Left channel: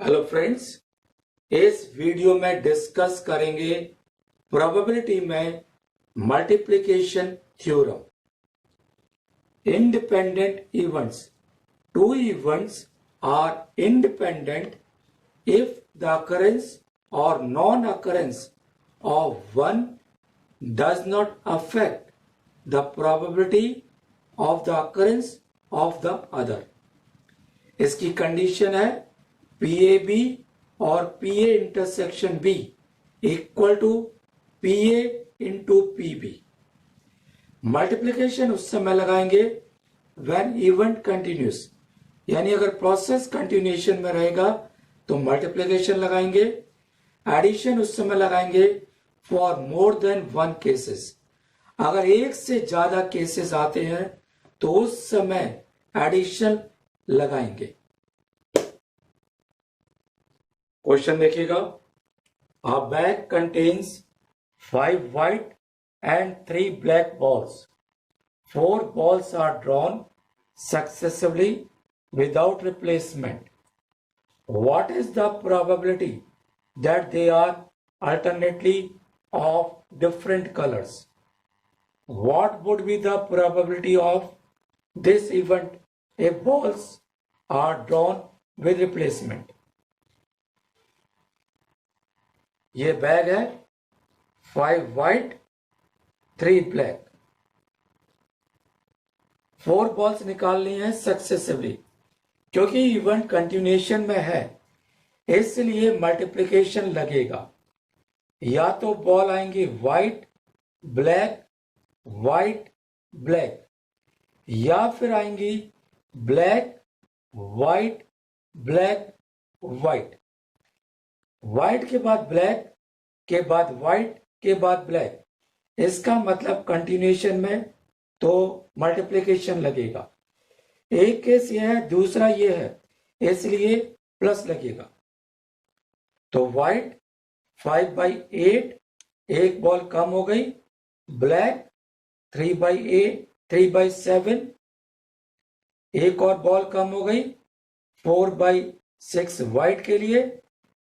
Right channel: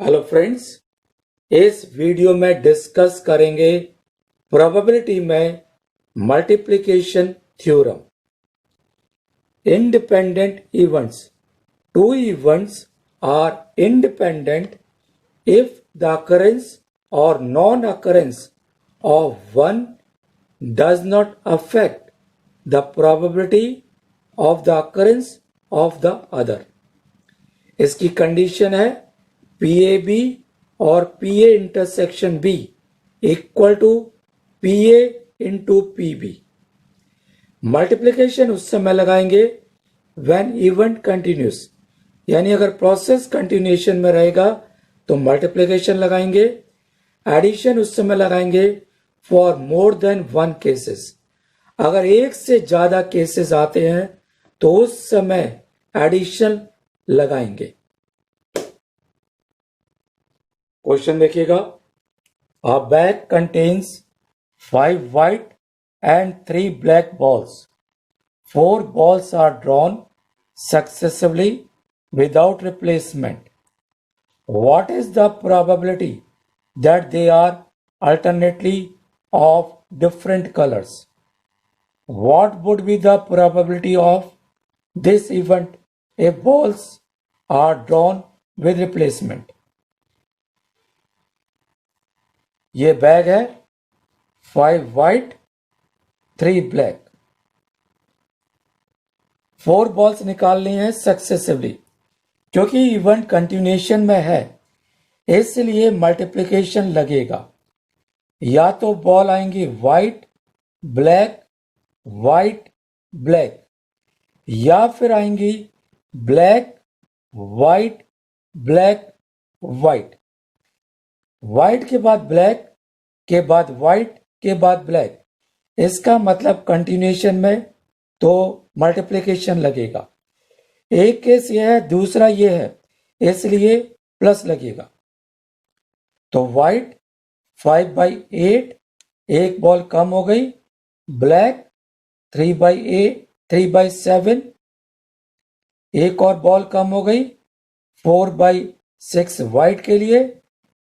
Hello friends, इस video में discuss करेंगे प्रोबेबिलिटी में multiplication theorem. Independent events, two events are independent if the occurrence or non-occurrence of one does not affect the probability of the occurrence of the other। इसकी condition है P A B और P A intersection B equal to P A into P B. Multiplication उस समय लगाएंगे when event continuous, यानी अगर process continuation में रहेगा तो मल्टीप्लीकेशन लगाएंगे। एडिशन उस समय लगाएंगे for more than one cases. अगर एक से ज्यादा केसेस आते हैं तो उस समय एडिशन लगाएंगे। क्वेश्चन देखिएगा, अ bag contains 5 white and 3 black balls. 4 balls are drawn successively without replacement. What is the probability that they are alternately of different colors? What would be the probability of this event if balls are drawn with replacement? ये bag है 5 white 3 black। 4 balls निकालनी है successively, क्योंकि event continuation में है इसलिए multiplication लगेगा। या तो बॉल आएंगी व्हाइट ब्लैक व्हाइट ब्लैक, या फिर आएंगी black white black white. White के बाद ब्लैक के बाद व्हाइट के बाद ब्लैक, इसका मतलब कंटिन्यूएशन में तो मल्टीप्लिकेशन लगेगा। एक केस यह है, दूसरा ये है, इसलिए प्लस लगेगा। तो व्हाइट 5/8, एक बॉल कम हो गई। ब्लैक 3/8 3/7, एक और बॉल कम हो गई 4/6 व्हाइट के लिए,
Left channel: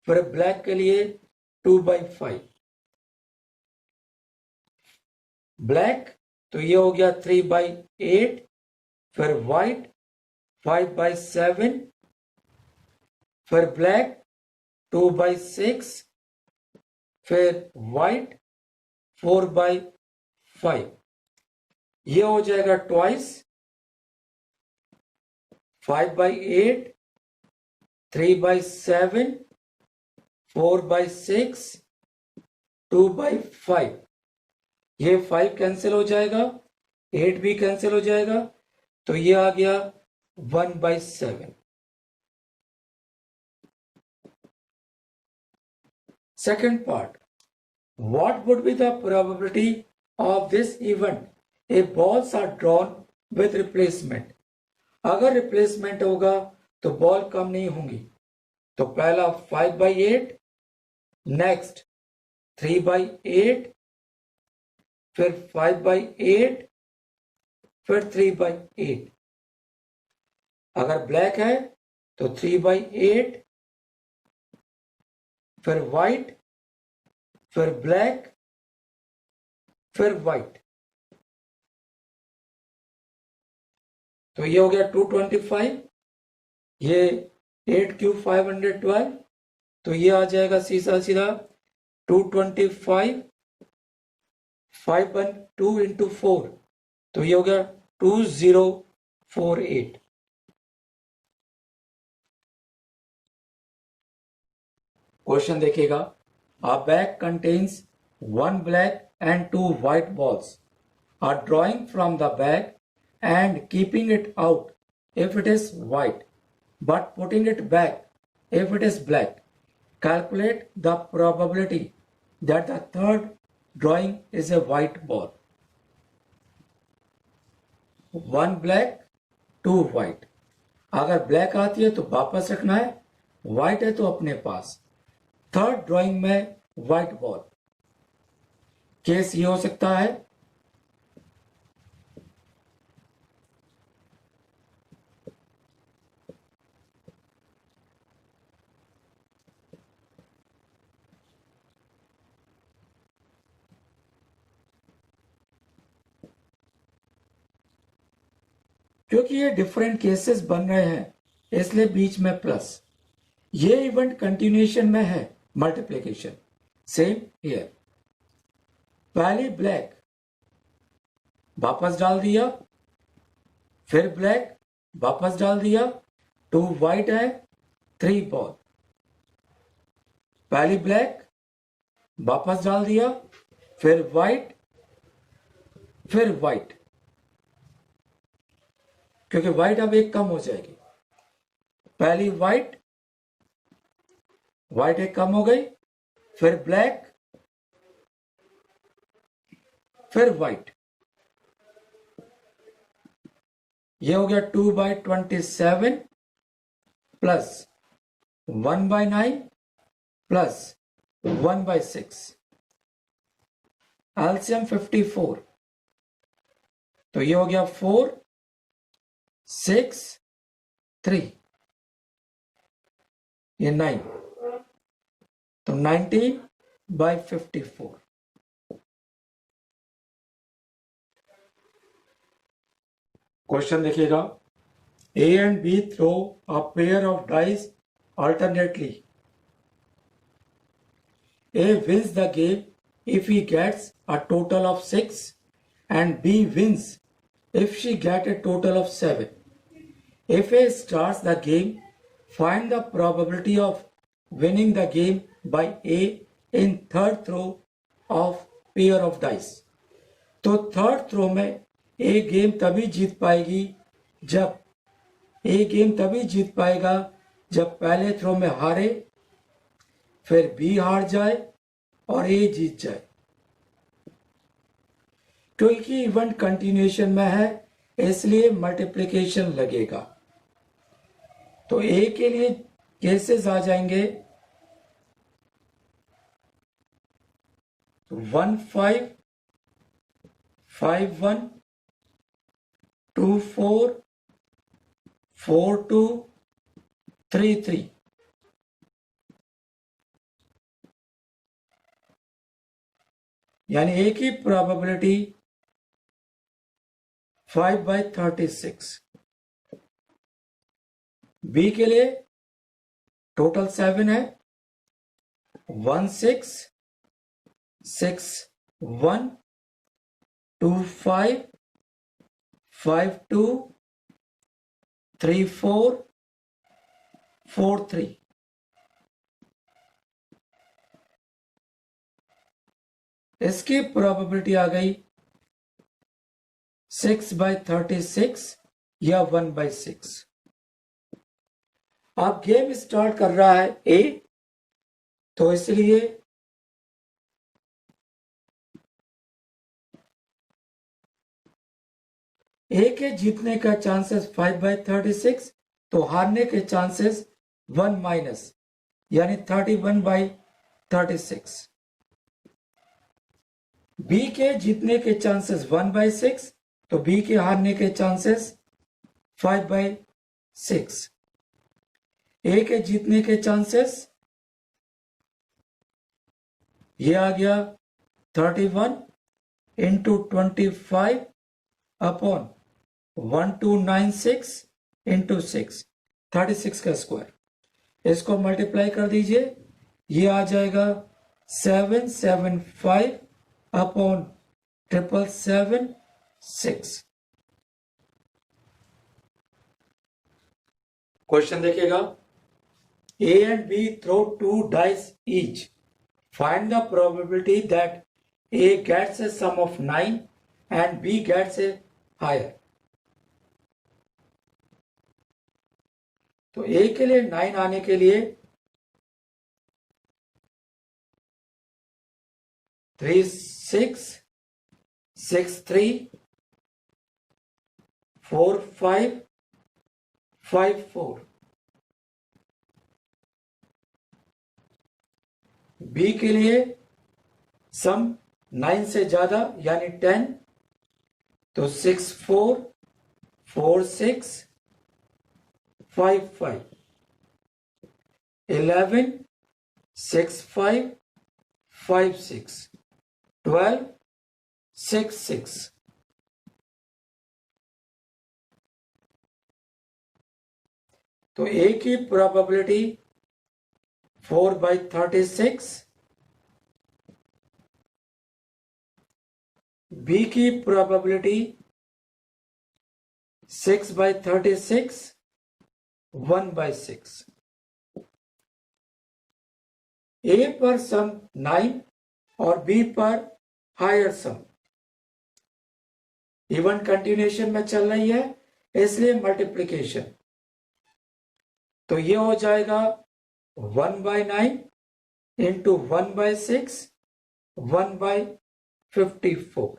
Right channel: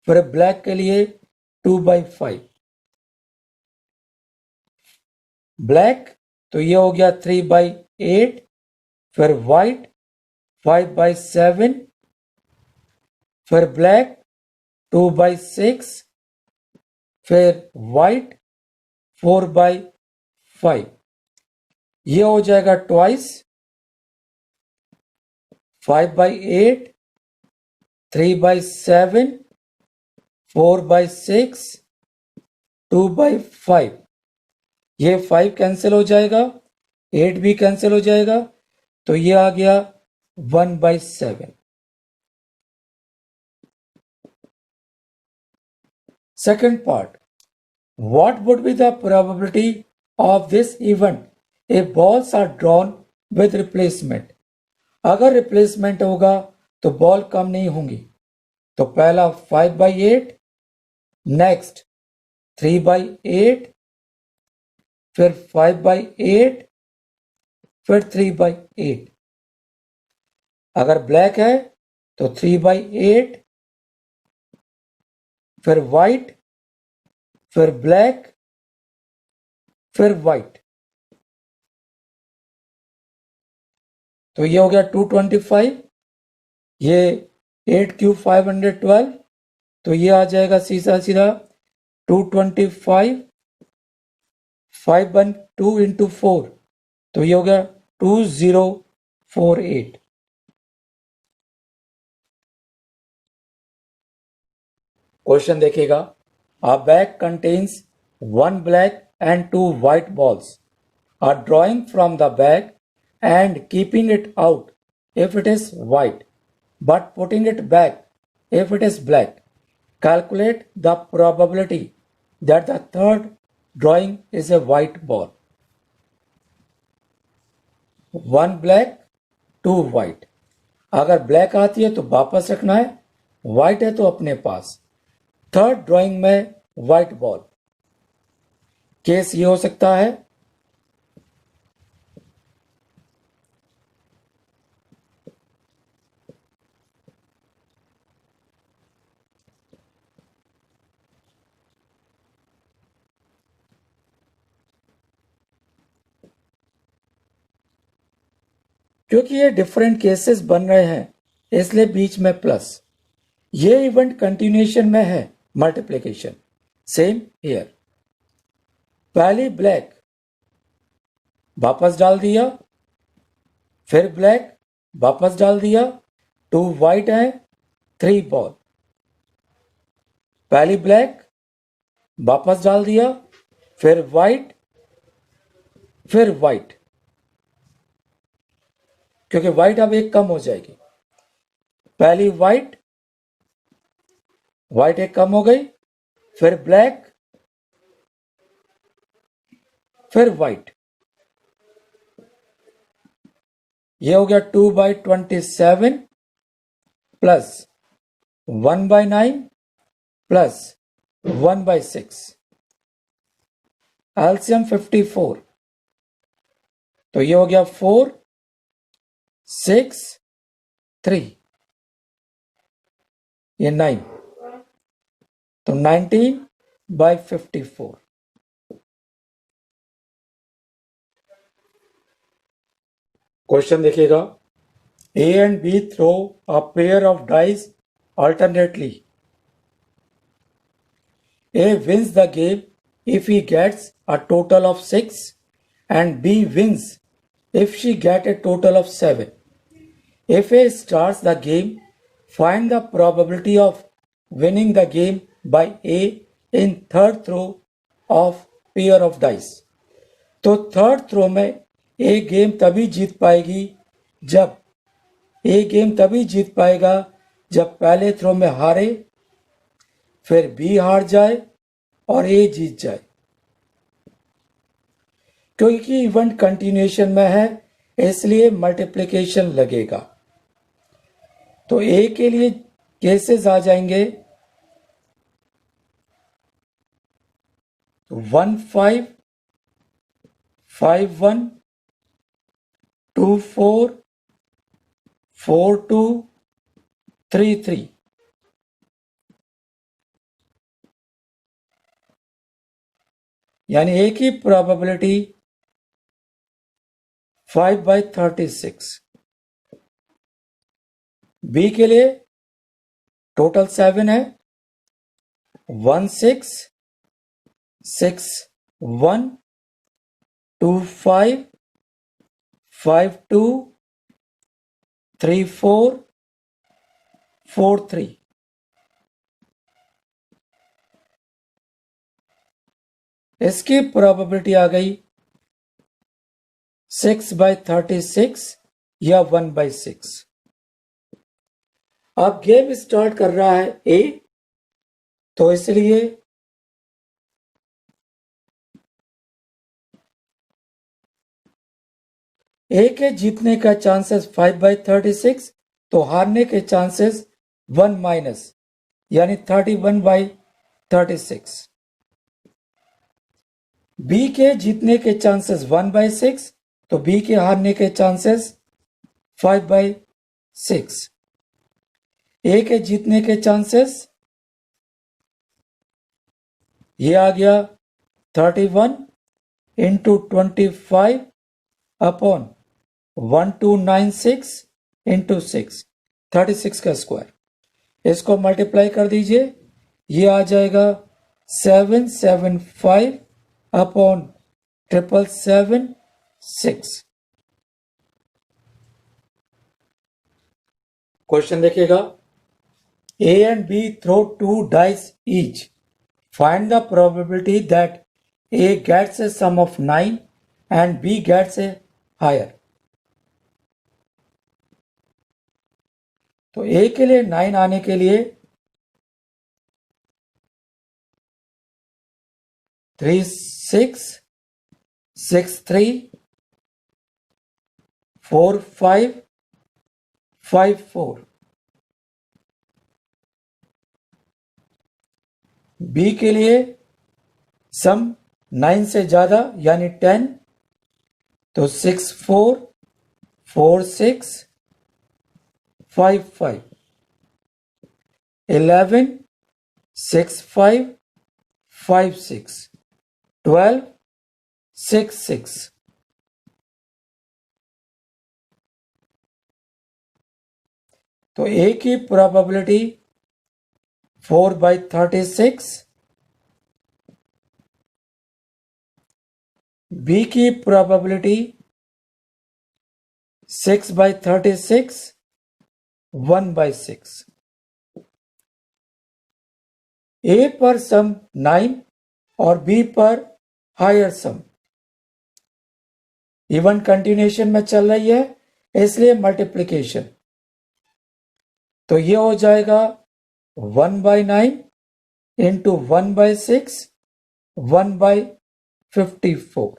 फिर ब्लैक के लिए 2/5। ब्लैक तो ये हो गया 3/8, फिर व्हाइट 5/7, फिर ब्लैक 2/6, फिर व्हाइट 4/5। ये हो जाएगा ट्वाइस 5/8 3/7 4/6 2/5। ये 5 कैंसिल हो जाएगा, 8 भी कैंसिल हो जाएगा, तो ये आ गया 1/7। Second part, what would be the probability of this event if balls are drawn with replacement? अगर रिप्लेसमेंट होगा तो बॉल कम नहीं होंगी। तो पहला 5/8, नेक्स्ट 3/8, फिर 5/8, फिर 3/8। अगर ब्लैक है तो 3/8, फिर व्हाइट, फिर ब्लैक, फिर व्हाइट। तो ये हो गया 225, ये 8 क्यूब 512, तो ये आ जाएगा सीधा सीधा 225 5/2 इंटू 4, तो ये हो गया 2048। क्वेश्चन देखिएगा, अ bag contains 1 black and 2 white balls are drawing from the bag and keeping it out if it is white but putting it back if it is black. Calculate the probability that the third drawing is a white ball. 1 black 2 white। अगर black आती है तो वापस रखना है, white है तो अपने पास। थर्ड ड्राइंग में व्हाइट बॉल। केस ये हो सकता है क्योंकि ये डिफरेंट केसेस बन रहे हैं इसलिए बीच में प्लस। ये इवेंट कंटिन्यूएशन में है मल्टीप्लिकेशन। सेम हियर, पहली ब्लैक वापस डाल दिया, फिर ब्लैक वापस डाल दिया, 2 वाइट है, 3 बॉल। पहली ब्लैक वापस डाल दिया, फिर वाइट, फिर वाइट, क्योंकि वाइट अब एक कम हो जाएगी। पहली वाइट, वाइट एक कम हो गई, फिर ब्लैक, फिर वाइट। ये हो गया 2/27 प्लस 1/9 प्लस 1/6, एलसीएम 54। तो ये हो गया 4, 6, 3, ये 9, तो 19/54। क्वेश्चन देखिएगा, A and B throw a pair of dice alternately. A wins the game if he gets a total of 6 and B wins if she gets a total of 7. If A starts the game, find the probability of winning the game by A in third throw of pair of dice. तो third throw में A game तभी जीत पाएगी जब पहले throw में हारे, फिर B हार जाए और A जीत जाए। क्योंकि इवेंट कंटिन्यूएशन में है इसलिए मल्टीप्लिकेशन लगेगा। तो A के लिए केसेस आ जाएंगे 1 5 5 1 2 4 4 2 3 3। यानी A की प्रोबेबिलिटी 5/36। B के लिए टोटल 7 है, 1 6 6 1 2 5 5 2 3 4 4 3। इसकी प्रोबेबिलिटी आ गई 6/36 या 1/6। अब गेम स्टार्ट कर रहा है A, तो इसलिए A के जीतने का चांसेस 5/36, तो हारने के चांसेस 1 माइनस यानी 31/36। B के जीतने के चांसेस 1/6, तो B के हारने के चांसेस 5/6। A के जीतने के चांसेस ये आ गया 31 इंटू 25 अपॉन 1296 इंटू 6, 36 का स्क्वायर। इसको मल्टीप्लाई कर दीजिए, ये आ जाएगा 775 अपॉन 776। क्वेश्चन देखिएगा, A and B throw 2 dice each. Find the probability that A gets a sum of 9 and B gets a higher. तो A के लिए 9 आने के लिए 3 6 6 3 4 5 5 4। B के लिए सम 9 से ज्यादा यानी 10, तो 6 4 4 6 5 5, 11 6 5 5 6, 12 6 6। तो A की प्रोबेबिलिटी 4/36, B की प्रोबेबिलिटी 6/36, 1/6। A पर सम 9 और B पर हायर सम इवन कंटिन्यूएशन में चल रही है, इसलिए मल्टीप्लिकेशन। तो ये हो जाएगा 1/9 इंटू 1/6, 1/54।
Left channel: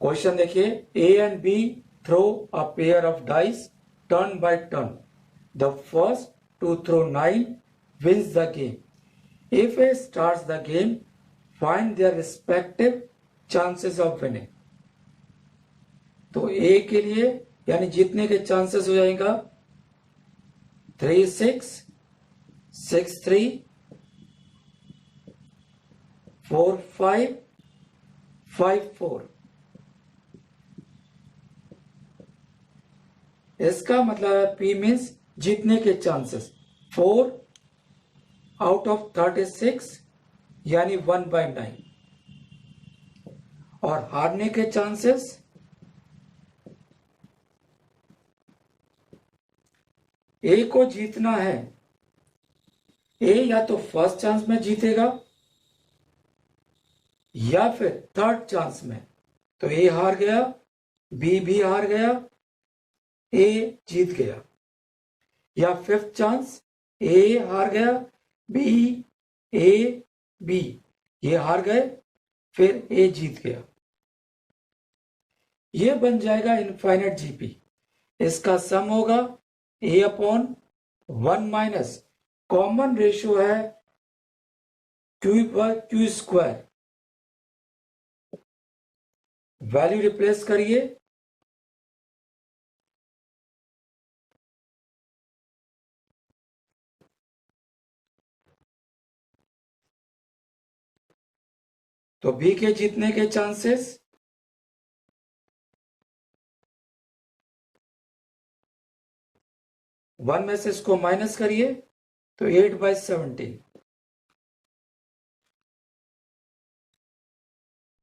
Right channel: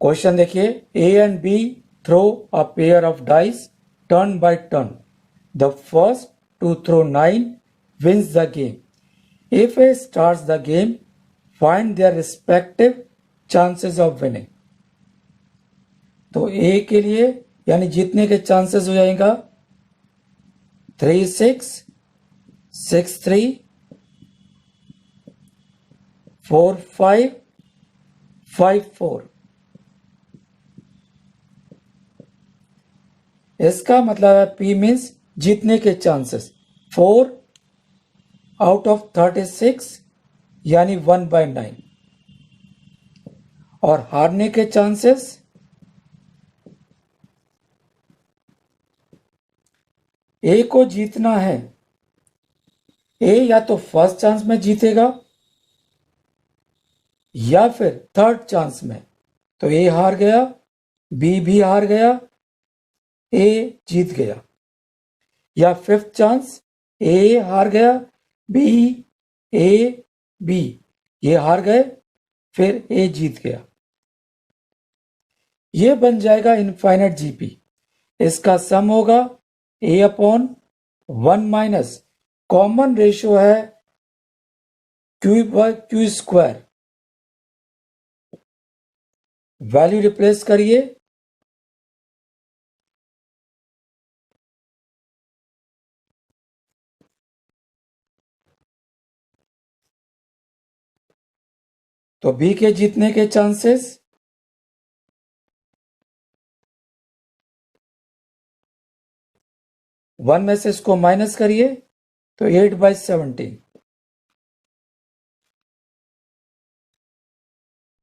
क्वेश्चन देखिए, A and B throw a pair of dice turn by turn. The first to throw 9 wins the game. If A starts the game, find their respective chances of winning. तो A के लिए यानी जीतने के chances हो जाएगा 3-6, 6-3, 4-5, 5-4। इसका मतलब है P मीन्स जीतने के चांसेस 4 आउट ऑफ 36 यानी 1/9, और हारने के चांसेस A को जीतना है, A या तो फर्स्ट चांस में जीतेगा या फिर थर्ड चांस में। तो A हार गया, B भी हार गया, A जीत गया। या फिफ्थ चांस A हार गया, B, A, B ये हार गए, फिर A जीत गया। ये बन जाएगा इनफाइनाइट जीपी। इसका सम होगा A/1 माइनस कॉमन रेशियो है Q/Q स्क्वायर। वैल्यू रिप्लेस करिए, तो B के जीतने के चांसेस 1 में से इसको माइनस करिए तो 8/17।